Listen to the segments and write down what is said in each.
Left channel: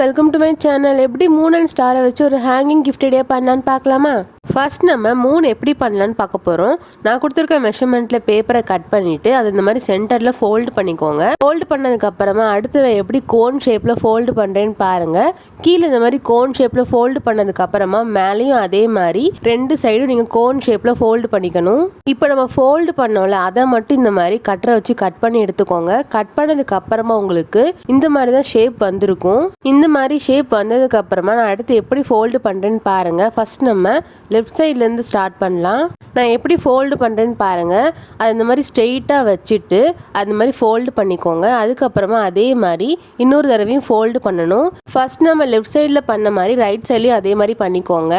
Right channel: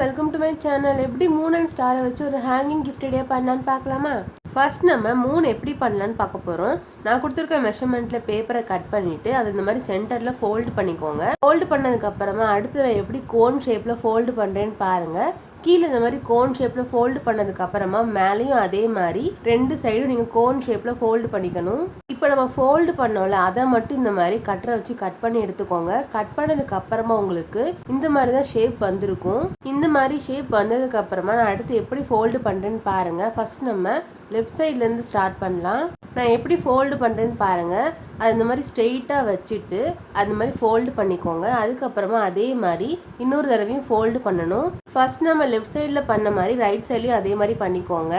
Welcome to my channel. எப்படி Moon and ஸ்டாரை வச்சு ஒரு ஹேங்கிங் கிஃப்ட் ஐடியா பண்ணலான்னு பார்க்கலாமா? ஃபர்ஸ்ட் நம்ம மூன் எப்படி பண்ணலான்னு பார்க்க போகிறோம். நான் கொடுத்துருக்க மெஷர்மெண்ட்டில் பேப்பரை கட் பண்ணிவிட்டு அதை இந்த மாதிரி சென்டரில் ஃபோல்டு பண்ணிக்கோங்க. ஃபோல்டு பண்ணதுக்கப்புறமா அடுத்து நான் எப்படி கோன் ஷேப்பில் ஃபோல்டு பண்ணுறேன்னு பாருங்கள். கீழே இந்த மாதிரி கோன் ஷேப்பில் ஃபோல்டு பண்ணதுக்கப்புறமா மேலேயும் அதே மாதிரி ரெண்டு சைடும் நீங்கள் கோன் ஷேப்பில் ஃபோல்டு பண்ணிக்கணும். இப்போ நம்ம ஃபோல்டு பண்ணோம்ல அதை மட்டும் இந்த மாதிரி கட்டரை வச்சு கட் பண்ணி எடுத்துக்கோங்க. கட் பண்ணதுக்கப்புறமா உங்களுக்கு இந்த மாதிரி தான் ஷேப் வந்திருக்கும். இந்த மாதிரி ஷேப் வந்ததுக்கு அப்புறமா நான் அடுத்து எப்படி ஃபோல்டு பண்ணுறேன்னு பாருங்க. ஃபர்ஸ்ட் நம்ம லெஃப்ட் சைட்லேருந்து ஸ்டார்ட் பண்ணலாம். நான் எப்படி ஃபோல்டு பண்ணுறேன்னு பாருங்கள். அது இந்த மாதிரி ஸ்ட்ரெயிட்டாக வச்சுட்டு அந்த மாதிரி ஃபோல்டு பண்ணிக்கோங்க. அதுக்கப்புறமா அதே மாதிரி இன்னொரு தடவையும் ஃபோல்டு பண்ணணும். ஃபர்ஸ்ட் நம்ம லெஃப்ட் சைடில் பண்ண மாதிரி ரைட் சைட்லையும் அதே மாதிரி பண்ணிக்கோங்க.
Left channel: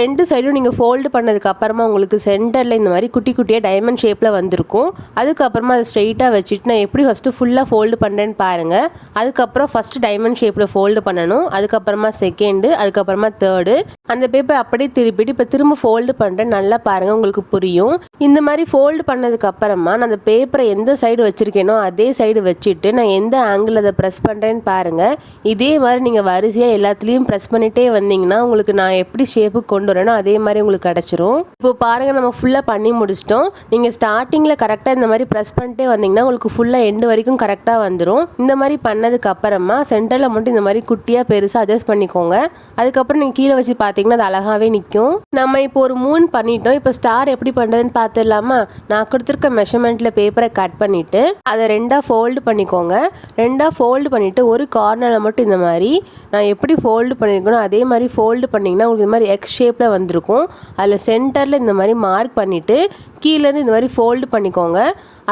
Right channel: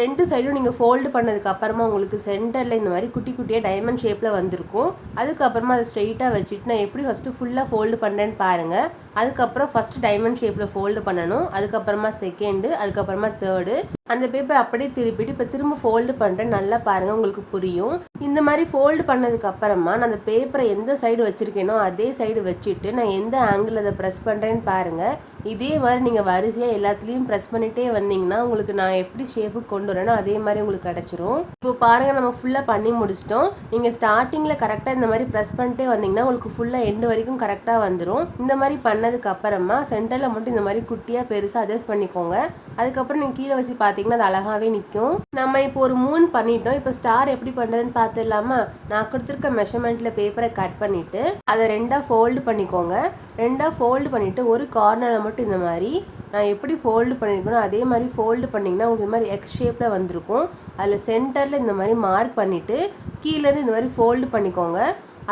ரெண்டு சைடும் நீங்கள் ஃபோல்டு பண்ணதுக்கு அப்புறமா உங்களுக்கு சென்டரில் இந்த மாதிரி குட்டி குட்டியாக டைமண்ட் ஷேப்பில் வந்திருக்கும். அதுக்கப்புறமா அதை ஸ்ட்ரெயிட்டாக வச்சுட்டு நான் எப்படி ஃபஸ்ட்டு ஃபுல்லாக ஃபோல்டு பண்ணுறேன்னு பாருங்கள். அதுக்கப்புறம் ஃபஸ்ட்டு டைமண்ட் ஷேப்பில் ஃபோல்டு பண்ணணும். அதுக்கப்புறமா செகண்டு, அதுக்கப்புறமா தேர்டு. அந்த பேப்பர் அப்படியே திருப்பிட்டு இப்போ திரும்ப ஃபோல்டு பண்ணுறேன். நல்லா பாருங்கள், உங்களுக்கு புரியும். இந்த மாதிரி ஃபோல்டு பண்ணதுக்கு அப்புறமா நான் அந்த பேப்பரை எந்த சைடு வச்சுருக்கேனோ அதே சைடு வச்சுட்டு நான் எந்த ஆங்கிள் அதை ப்ரெஸ் பண்ணுறேன்னு பாருங்கள். இதே மாதிரி நீங்கள் வரிசையாக எல்லாத்துலேயும் ப்ரெஸ் பண்ணிகிட்டே வந்தீங்கன்னா உங்களுக்கு நான் எப்படி ஷேப்புக்கு கொண்டு வரேனோ அதே மாதிரி உங்களுக்கு கிடச்சிரும். இப்போ பாருங்கள், நம்ம ஃபுல்லாக பண்ணி முடிச்சிட்டோம். நீங்கள் ஸ்டார்டிங்கில் கரெக்டாக இந்த மாதிரி ப்ரெஸ் பண்ணிட்டே வந்தீங்கன்னா உங்களுக்கு ஃபுல்லாக எண்டு வரைக்கும் கரெக்டாக வந்துடும். இந்த மாதிரி பண்ணதுக்கு அப்புறமா சென்டரில் மட்டும் இந்த மாதிரி குட்டியாக பெருசாக அட்ஜஸ்ட் பண்ணிக்கோங்க. அதுக்கப்புறம் நீங்கள் கீழே வச்சு பார்த்தீங்கன்னா அது அழகாகவே நிற்கும். நம்ம இப்போ ஒரு மூன் பண்ணிட்டோம். இப்போ ஸ்டார் எப்படி பண்ணுறதுன்னு பார்த்துடலாமா? நான் கொடுத்துருக்க மெஷர்மெண்ட்டில் பேப்பரை கட் பண்ணிவிட்டு அதை ரெண்டாக ஃபோல்டு பண்ணிக்கோங்க. ரெண்டாக ஃபோல்டு பண்ணிவிட்டு ஒரு கார்னரில் மட்டும் இந்த மாதிரி நான் எப்படி ஃபோல்டு பண்ணியிருக்கணும் அதே மாதிரி ஃபோல்டு பண்ணிங்கன்னா உங்களுக்கு இந்த மாதிரி எக்ஸ் ஷேப்பில் வந்திருக்கும். அதில் சென்டரில் இந்த மாதிரி மார்க் பண்ணிவிட்டு கீழேருந்து இந்த மாதிரி ஃபோல்டு பண்ணிக்கோங்க.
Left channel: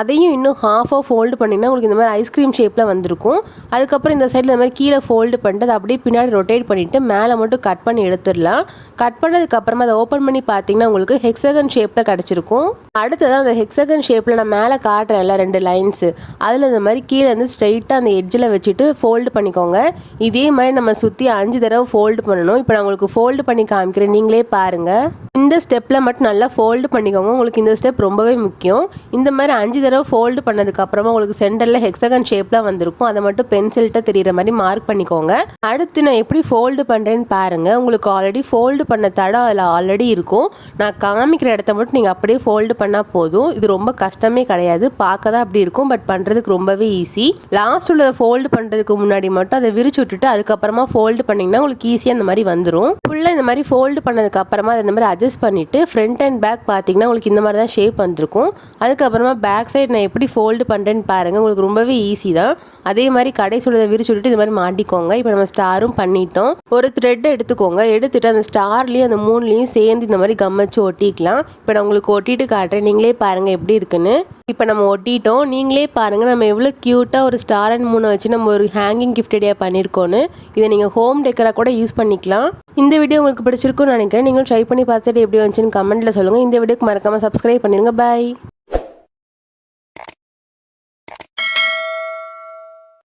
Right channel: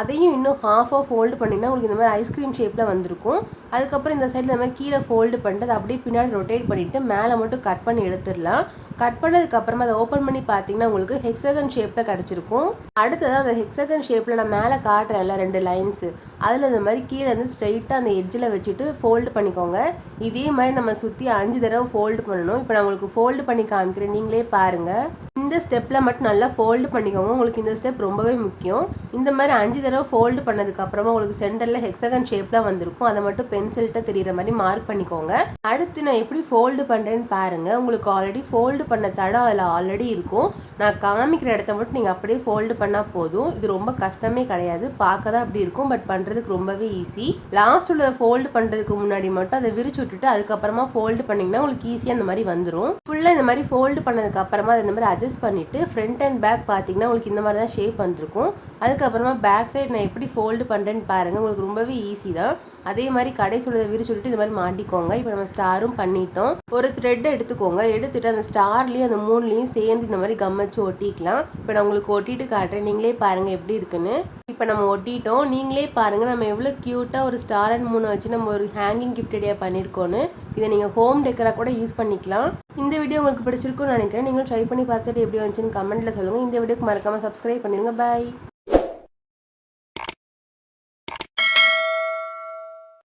அதையும் இன்னும் ஹாஃபாக ஃபோல்டு பண்ணிங்கன்னா உங்களுக்கு இந்த மாதிரி ஐஸ்கிரீம் ஷேப்பில் வந்திருக்கும். அதுக்கப்புறம் இந்த சைடில் இந்த மாதிரி கீழே ஃபோல்டு பண்ணிட்டு அதை அப்படியே பின்னாடி ரொட்டேட் பண்ணிவிட்டு மேலே மட்டும் கட் பண்ணி எடுத்துடலாம். கட் பண்ணதுக்கப்புறமா அதை ஓப்பன் பண்ணி பார்த்தீங்கன்னா உங்களுக்கு ஹெக்ஸகன் ஷேப்பில் கிடச்சிருக்கும். அடுத்ததான் அந்த ஹெக்ஸகன் ஷேப்பில் நான் மேலே காட்டுறேன்ல ரெண்டு லைன்ஸு, அதில் இந்த மாதிரி கீழே வந்து ஸ்ட்ரைட்டாக அந்த எட்ஜில் வச்சுட்டு ஃபோல்டு பண்ணிக்கோங்க. இதே மாதிரி நம்ம சுற்றி 5 தடவை ஃபோல்டு பண்ணணும். இப்போ நான் உங்களுக்கு ஃபோல்டு பண்ணி காமிக்கிறேன், நீங்களே பாருங்கள். இந்த ஸ்டெப்பில் மட்டும் நல்லா ஃபோல்டு பண்ணிக்கோங்க. உங்களுக்கு இந்த ஸ்டெப் ரொம்பவே முக்கியம். இந்த மாதிரி 5 தடவை ஃபோல்டு பண்ணதுக்கப்புறமா உங்களுக்கு சென்டரில் ஹெக்ஸகன் ஷேப்பில் வந்திருக்கும். அதை மட்டும் பென்சில்கிட்ட தெரிகிற மாதிரி மார்க் பண்ணிக்கோங்க. அடுத்து நான் எப்படி ஃபோல்டு பண்ணுறேன்னு பாருங்கள். உங்களுக்கு ஆல்ரெடி ஃபோல்டு பண்ண தடம் அதில் ஆல்ரெடி இருக்கும். நான் காமிக்கிற இடத்த மட்டும் நீங்கள் அப்படியே ஃபோல்டு பண்ணால் போதும். இது ரொம்ப கஷ்டமே கிடையாது. பார்க்க தான் அப்படி இருக்கும், பட் பண்ணுறதுக்கு ரொம்பவே ஈஸி. லாஸ்ட் உள்ள ஃபோல்டு பண்ணுறதுக்கு முன்னாடி மட்டும் அதை விரிச்சு விட்டுட்டு அதுக்கப்புறமா ஃபோல்டு பண்ணிங்கன்னா உங்களுக்கு ஈஸியாக இந்த மாதிரி வந்துடும். ஃபுல்லாக இந்த மாதிரி ஃபோல்டு பண்ணதுக்கு அப்புறமா அதை இந்த மாதிரி அட்ஜஸ்ட் பண்ணிவிட்டு ஃப்ரண்ட் அண்ட் பேக் பார்த்தீங்கன்னா உங்களுக்கு இந்த மாதிரி தான் ஷேப் வந்திருக்கும். அதுக்கப்புறமா பேக் சைடு நான் எப்படி ஃபோல்டு பண்ணுறேன்னு பாருங்கள். உங்களுக்கு ரொம்பவே ஈஸி தான். அதே மாதிரி கடைசி உள்ளதை விரிச்சு விட்டுட்டு இது மாதிரி மாட்டிக்கோங்க. இப்போ நம்ம ஸ்டாரும் பண்ணிட்டோம். ஒரு த்ரெட் எடுத்துக்கோங்க. எடுத்துகிட்டு அந்த ஸ்டார்லேயும் அந்த மூணுலேயும் சேர்ந்து இந்த மாதிரி கம் வச்சு ஒட்டிக்கலாம். இப்போ நான் உங்களுக்கு ஒட்டிட்டு காட்டுறேன், நீங்களே பாருங்கள் எப்படி இருக்குன்னு. இப்போ நம்ம ஒட்டிட்டோம், நீங்களே பாருங்கள் நம்ம எவ்வளோ க்யூட்டாக ஒரு ஸ்டார் அண்ட் மூணை வச்சு நம்ம ஒரு ஹேங்கிங் கிஃப்ட் ஐடியா பண்ணியிருக்கோன்னு. இதை நீங்கள் ஹோம் டெக்கராக கூட யூஸ் பண்ணிக்கலாம். இந்த வீடியோ உங்களுக்கு பிடிச்சிருக்குன்னு நினைக்கிறேன். நீங்களும் ட்ரை பண்ணி பார்த்துட்டு எப்படி வந்துச்சுன்னு கமெண்ட்டில் சொல்லுங்கள். இந்த வீடியோக்கு மறக்காமல் சப்ஸ்கிரைப் பண்ணிடுங்க. பாய்.